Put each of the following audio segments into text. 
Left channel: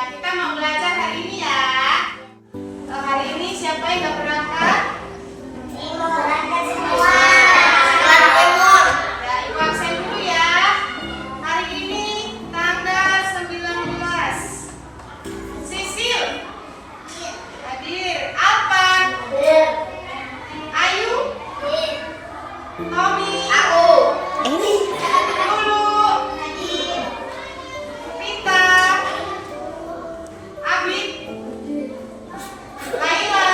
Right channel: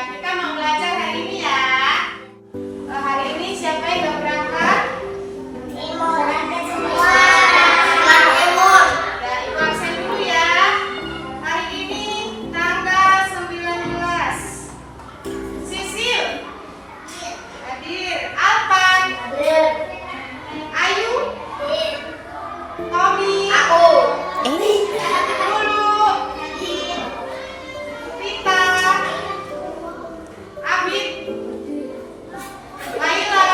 kita mau belajar hari ini ya. Hari ini siapa yang gak berangkat? Timur. Berangkat semua. Timur. Ya, Ibu absen dulu ya. Hari ini tanggal 19. Sisil hadir. Alpan, Ayu, Tobi, Aku. Lulu, Pita, Abid, Laila,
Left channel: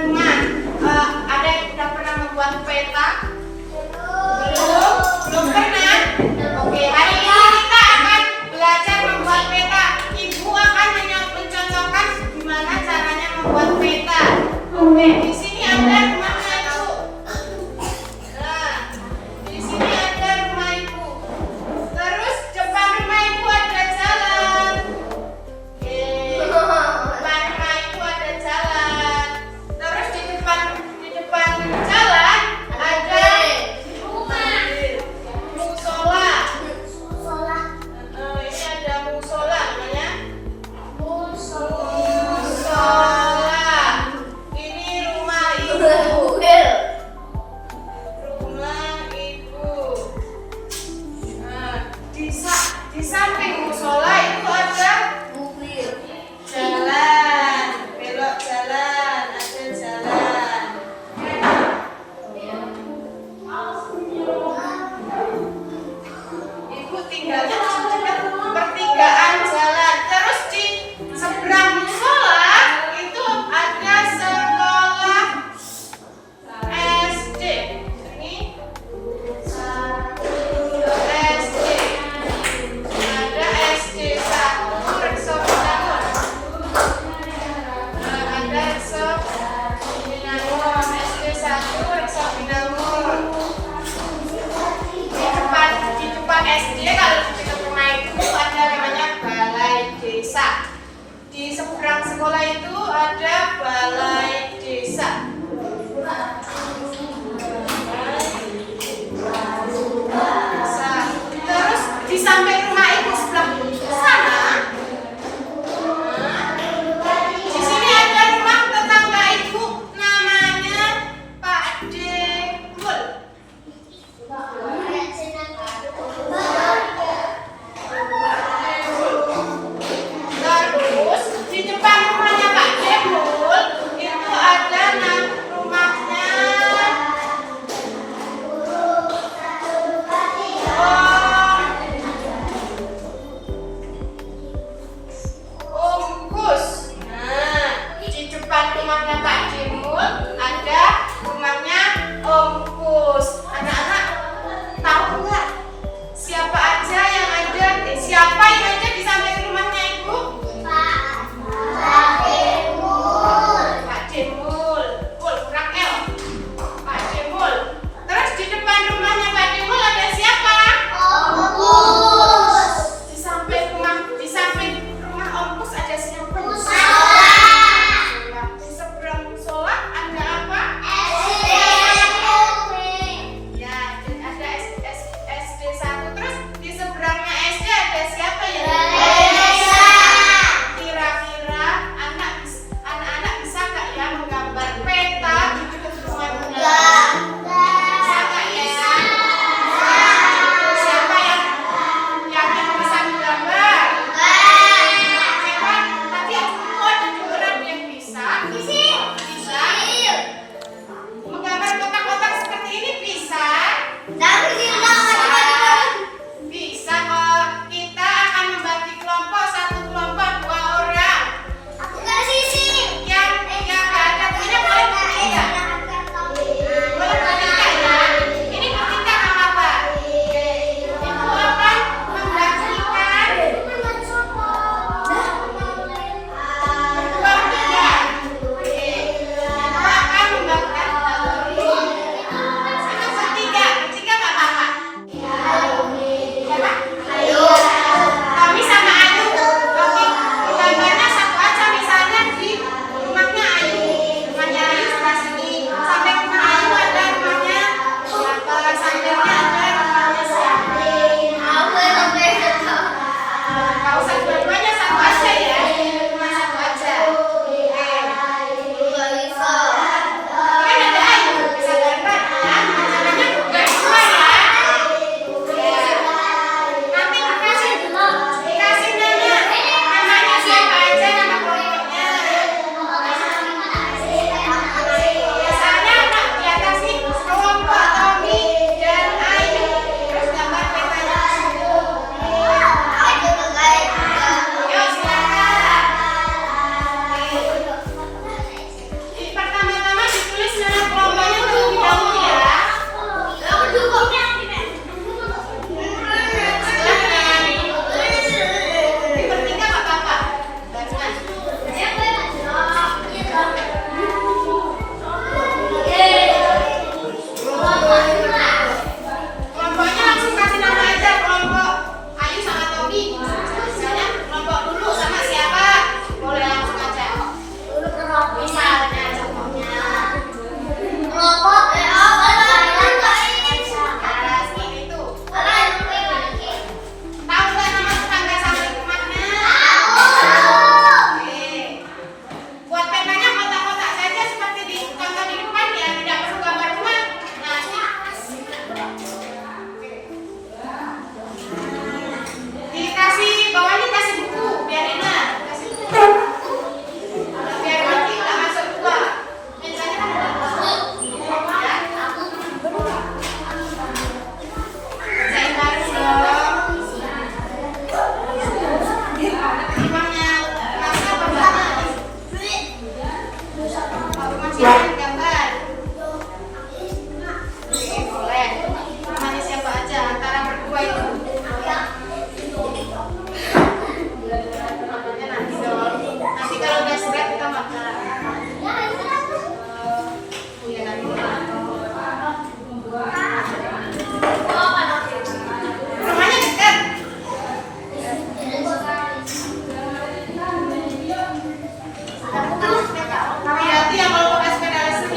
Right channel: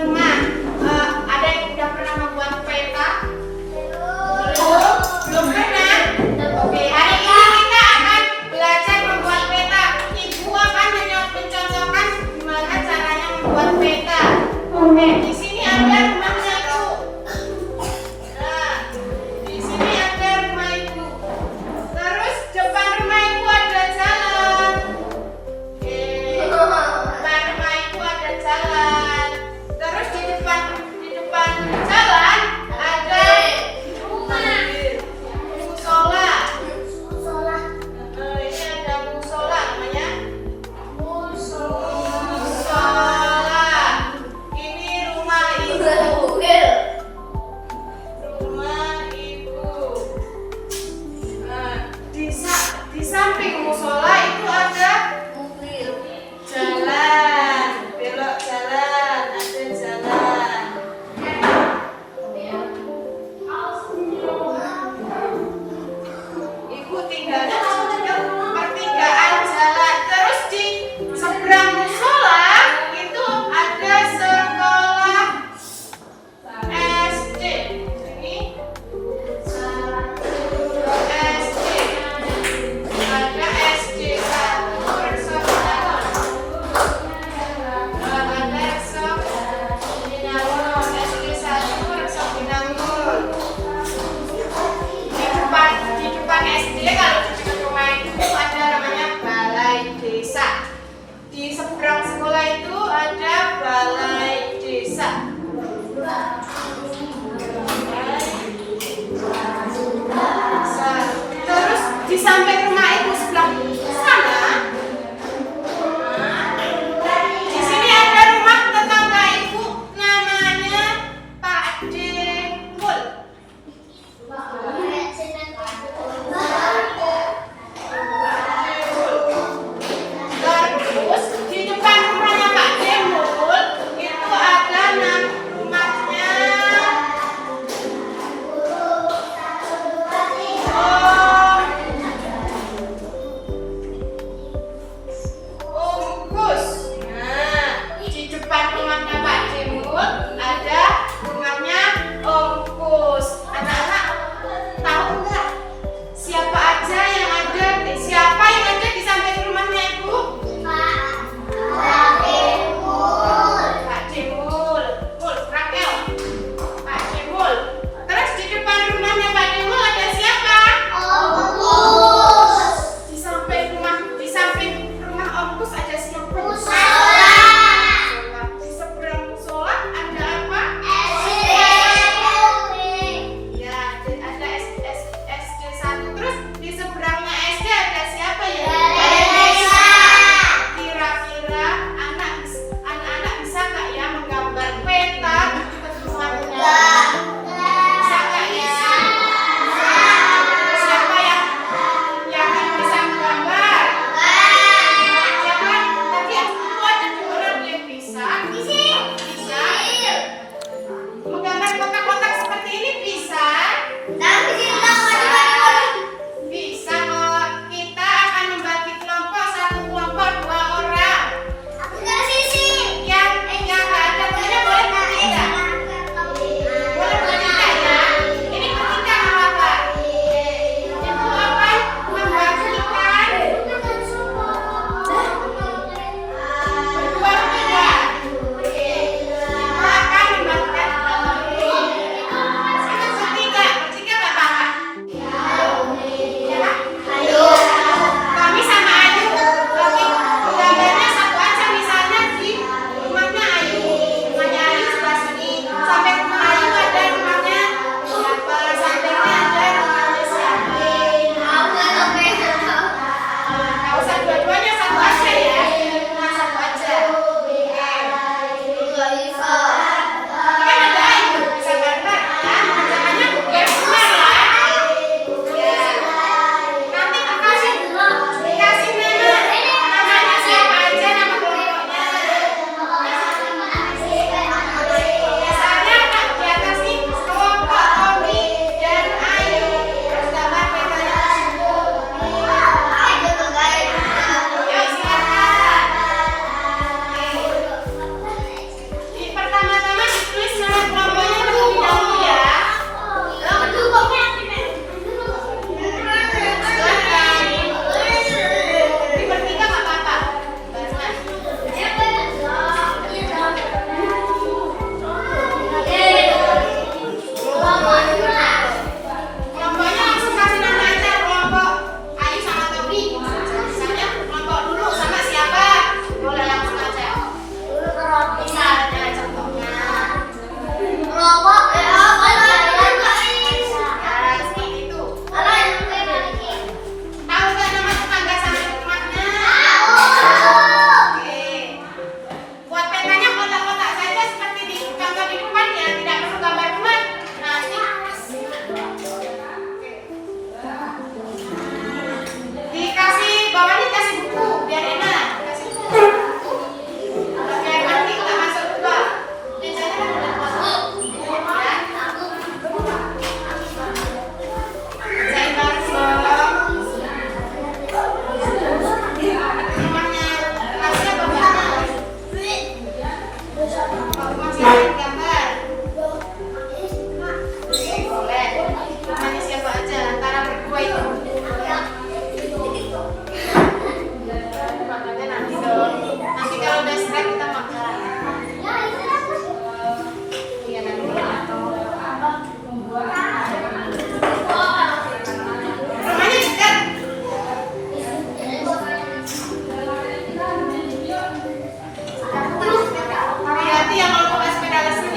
rumah. Ada yang sudah pernah membuat peta? Belum? Belum pernah? Oke, hari ini kita akan belajar membuat peta. Ibu akan mencocokkan gimana caranya membuat peta. Oke, di sini ada rumahnya Ibu. Nah, di sini ada rumah Ibu. Terus depan rumah Ibu ada jalan. Oke, depan rumah Ibu ada jalan. Terus di depan jalan ada musola. Ini ada musola namanya. Musola. Ini rumah Ibu. Rumah Ibu. Nah, di samping musola itu ada jalan, belok jalan, ada jalan. Ibu tinggalnya di dekat pertigaan jalan. Terus di seberang musola itu ada sekolah SD. Ini SD. Ada SD 1 Rekso Binangun. Ada Rekso Binangun. SD 1 Rekso Binangun. Di depan SD kalau di dekat rumah itu ada namanya balai desa. Di seberang sekolah itu ada balai desa. Terus di samping rumah Ibu sebelah sana, di sini ada rumah tetangga Ibu namanya Pak Demul. Terus di depan rumahnya Pak Demul itu ada rumahnya. Oh, silakan gambar. Oke, boleh. Namanya siapa aja antara berdua itu? Namanya nanti dong. Nanti kalau udah selesai kita makan. Iya nanti. Rumahnya dekat. Hati-hati ya kalau pakai sepeda listrik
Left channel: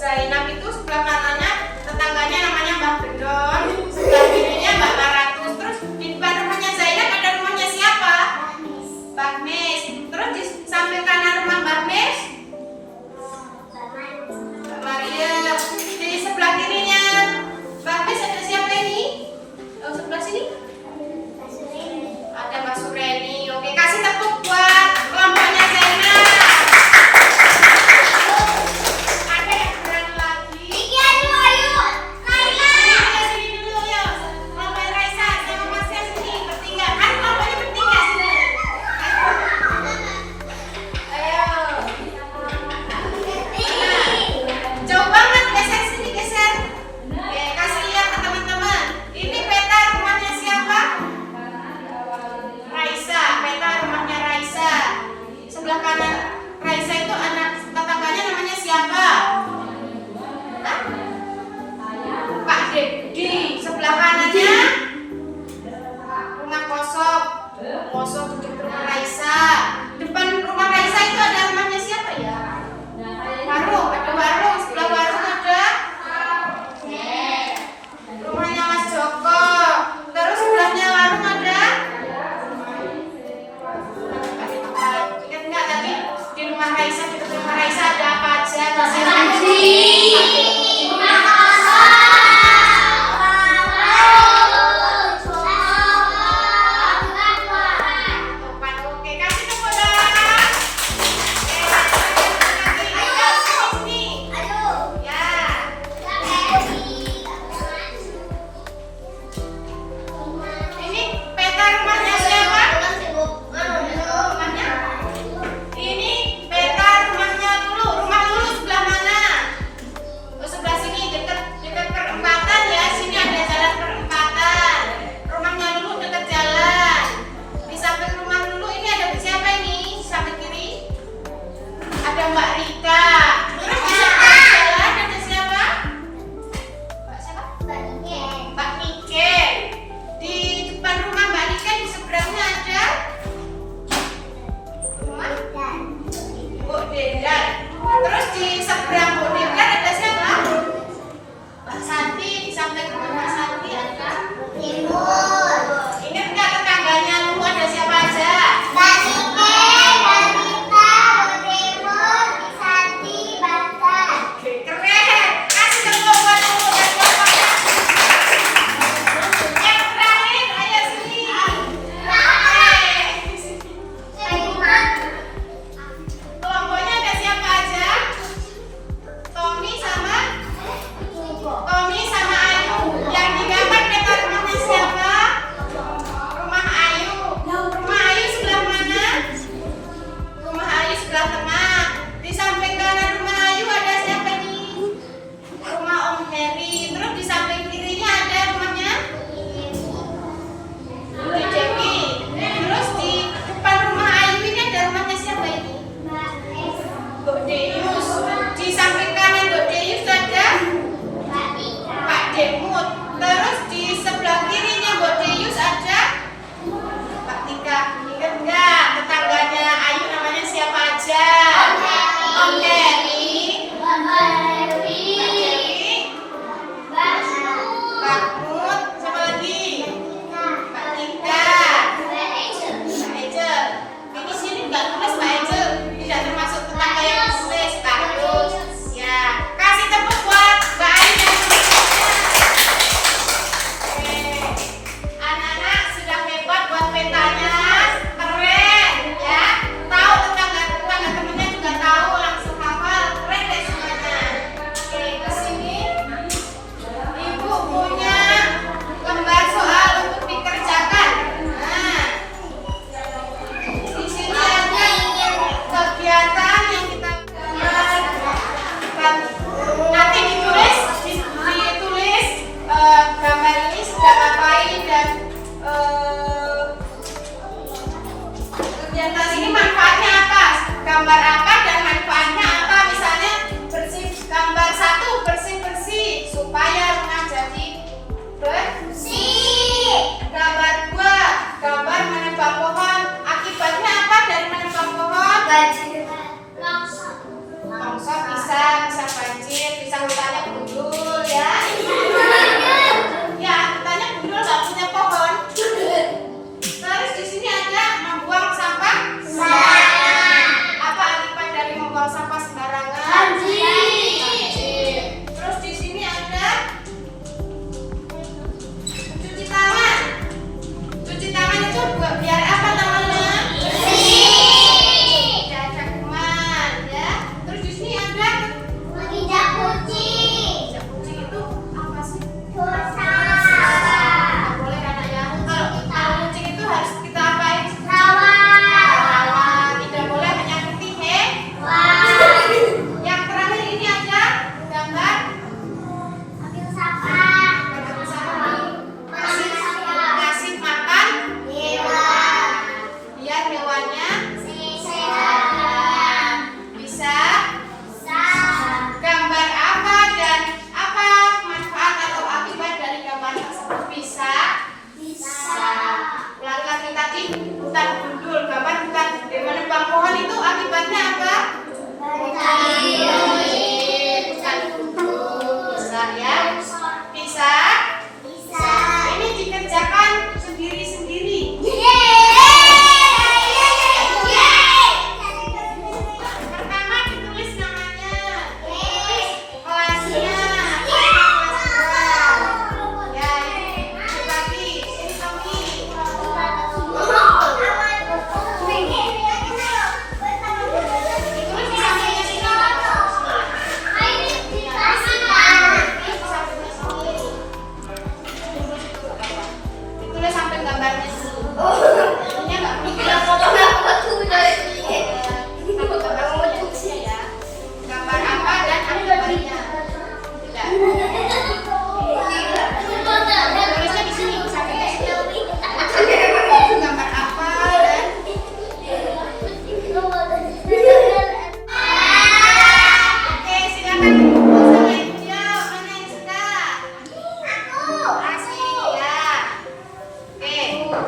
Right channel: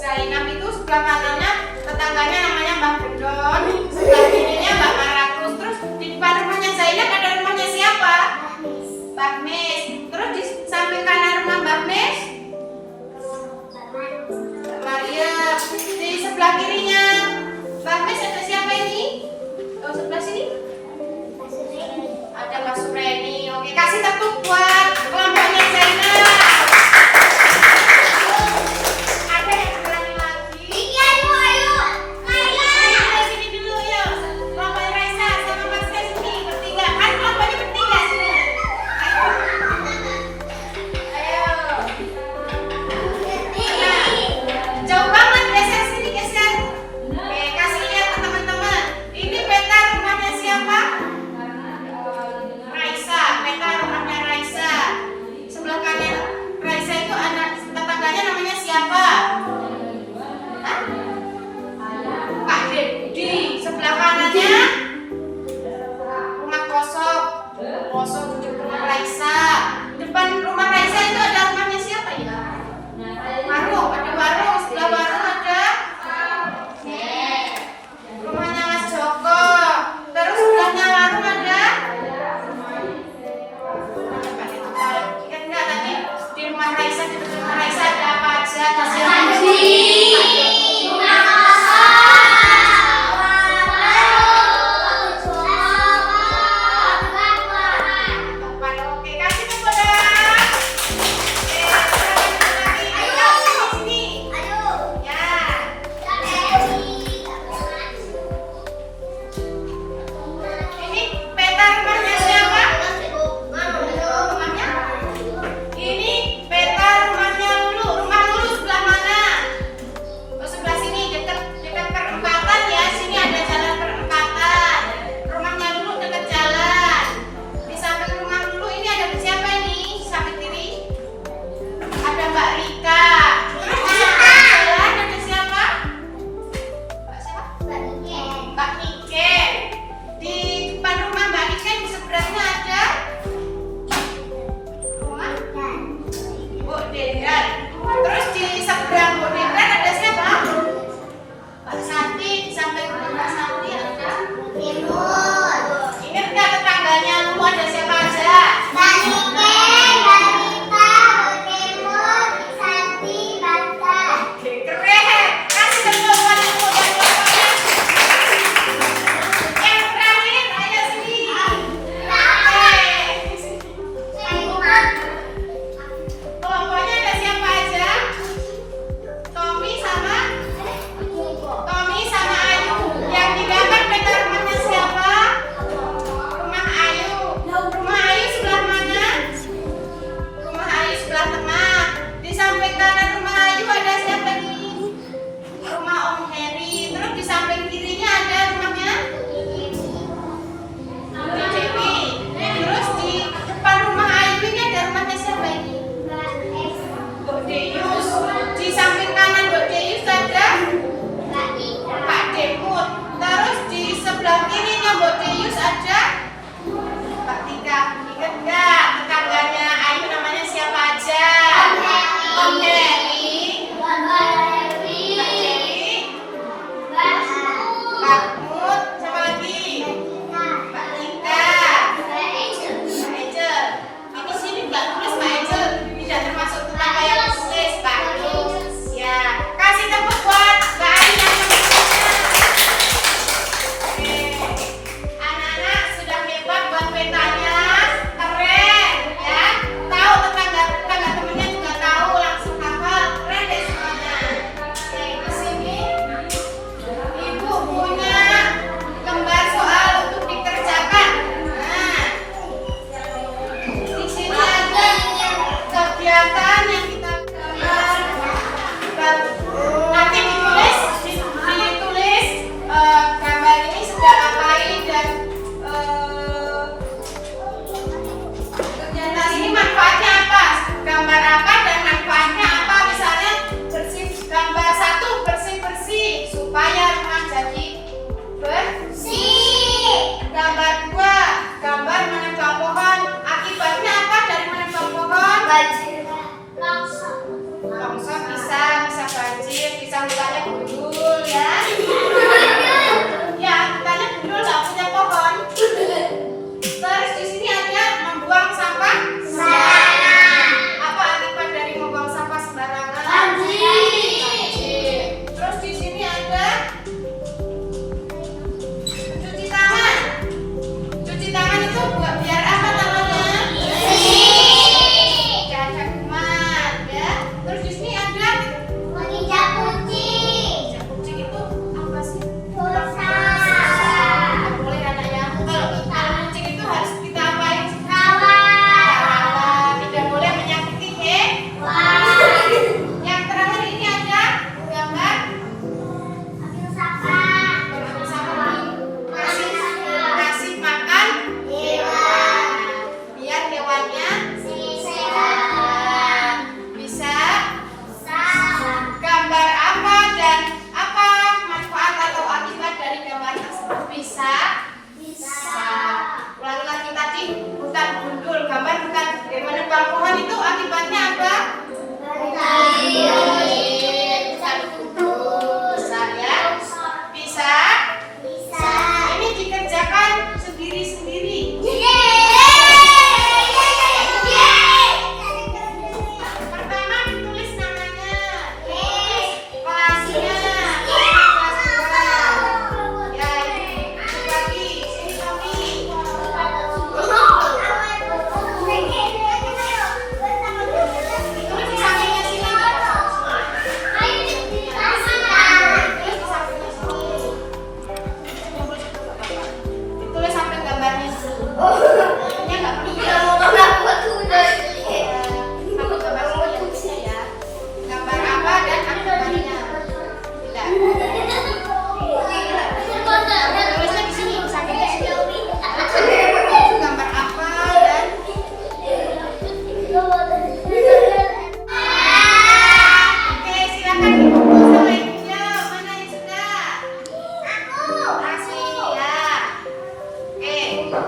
Zainab itu sebelah kanannya tetangganya namanya Mbak Bedon, sebelah kirinya Mbak Maratus. Terus di depan rumahnya Zainab ada rumahnya siapa? Mbak Mes. Terus di samping kanan rumah Mbak Mes, Mbak Maria. Di sebelah kirinya Mbak Mes ada siapa ini? Oh, sebelah sini ada Mbak Sureni. Oke, kasih tepuk buat kelompoknya Zainab. Ada yang berani lagi? kitanya gundul ya. Ya, kitanya gundul nggak punya pohon. Terus di sini ada membuang sampah sembarangan. Apa akibat dari membuang sampah sembarangan? Banjir. Terus di sini ada cuci tangan. Cuci tangan itu buat biar apa tangannya? Tidak ada kuman ya. Terus di sini ada Menginjak kucing. injak kucing itu apa sih? Dosa. Nggak boleh anak ya. Kalau kucing itu harus kita apain? Rawat. Rawat. Tidak boleh menyakiti Wah. Yang terakhir ini ada gambar Ambil sapa. ngasih makan Hewan. biar hewannya Sehat. bisa. Sah. Gambar apa dan apa manfaat atau akibat dari gambar tersebut? Bisa. Ulangi lagi tadi, hutan gundul. Gambar hutan menebang pohon itu akibatnya apa? Hutan gundul. Bisa ya? Bisa. Ini dikerjakan sendiri-sendiri. Pertama ditulis namanya, kelasnya, kelas 2. Ya, ini Tommy, sini Tommy. Ditulis di sampingnya sini. Di sampingnya sini. Kumpul situ nggak apa-apa. Ditulis samping gambarnya dulu. Ini nggak perlu kita samping gambar sini ya. Gambar apa dan akibatnya? Tidak. Tulisnya di sini, sampingnya sini. Gambar apa dan oke, silakan dikumpul sama ibunya. Mana yang sudah? Kasih ya. Oke. Belum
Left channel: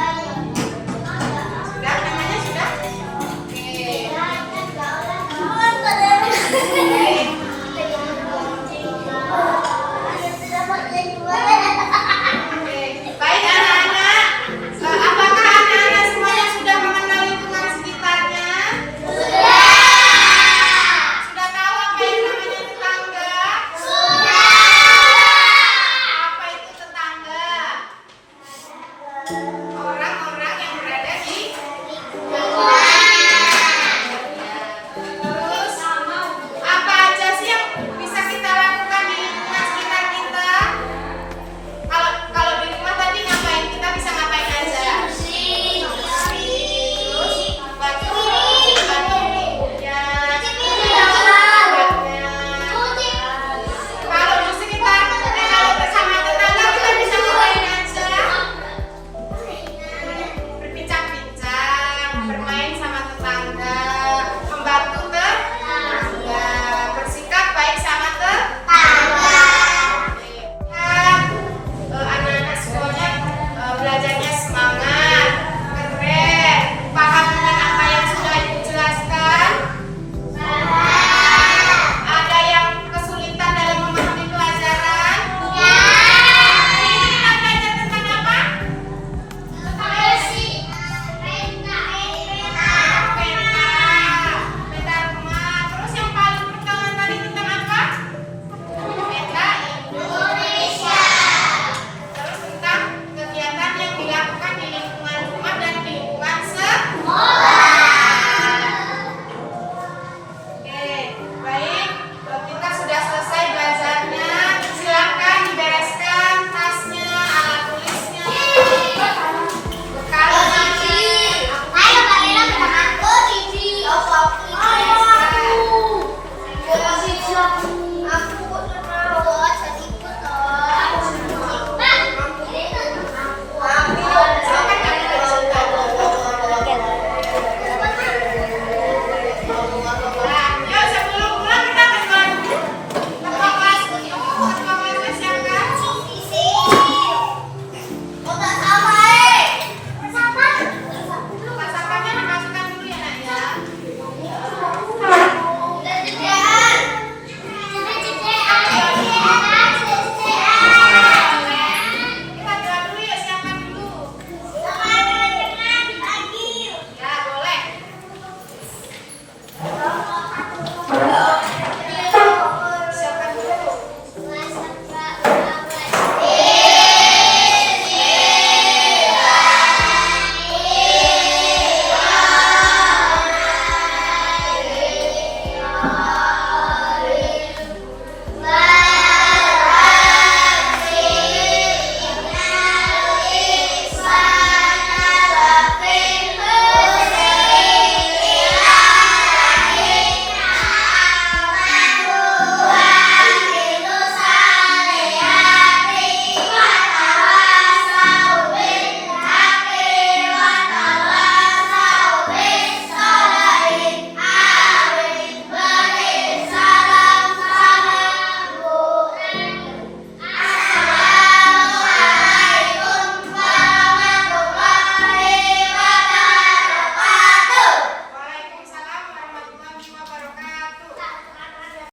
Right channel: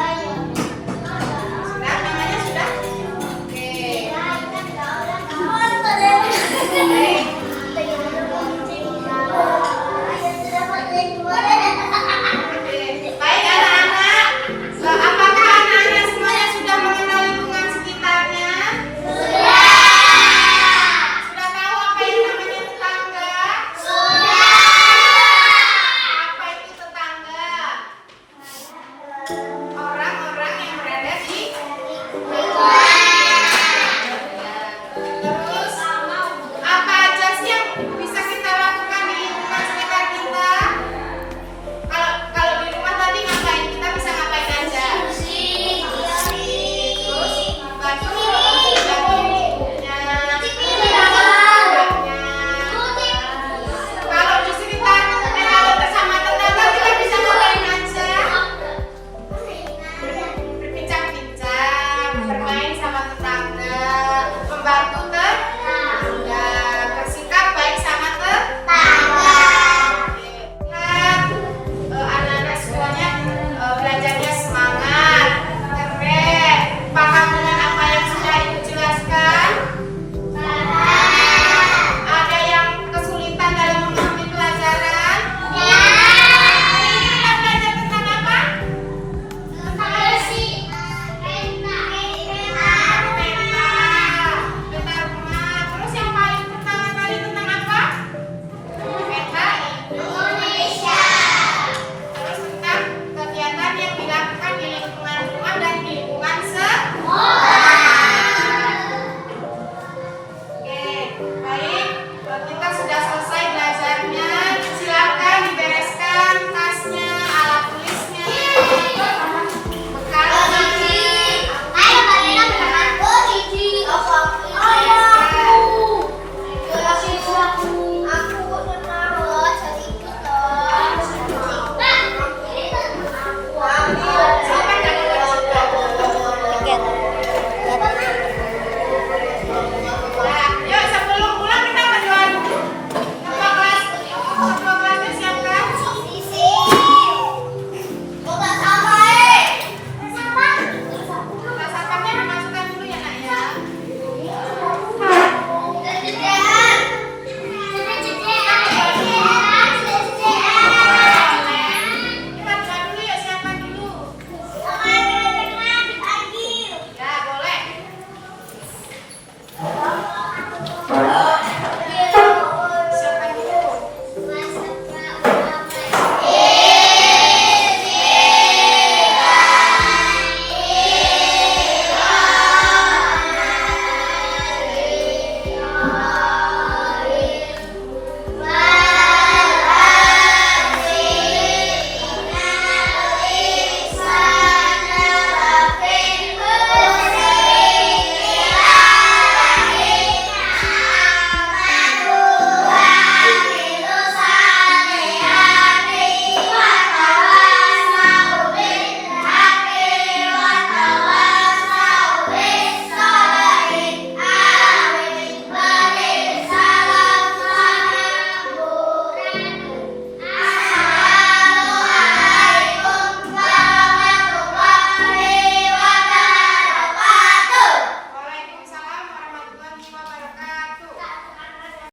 namanya. Sudah namanya sudah? Oke. Baik. Oke. Baik anak-anak. Apakah anak-anak semuanya sudah mengenal lingkungan sekitarnya? Sudah tahu apa yang namanya tetangga? Apa itu tetangga?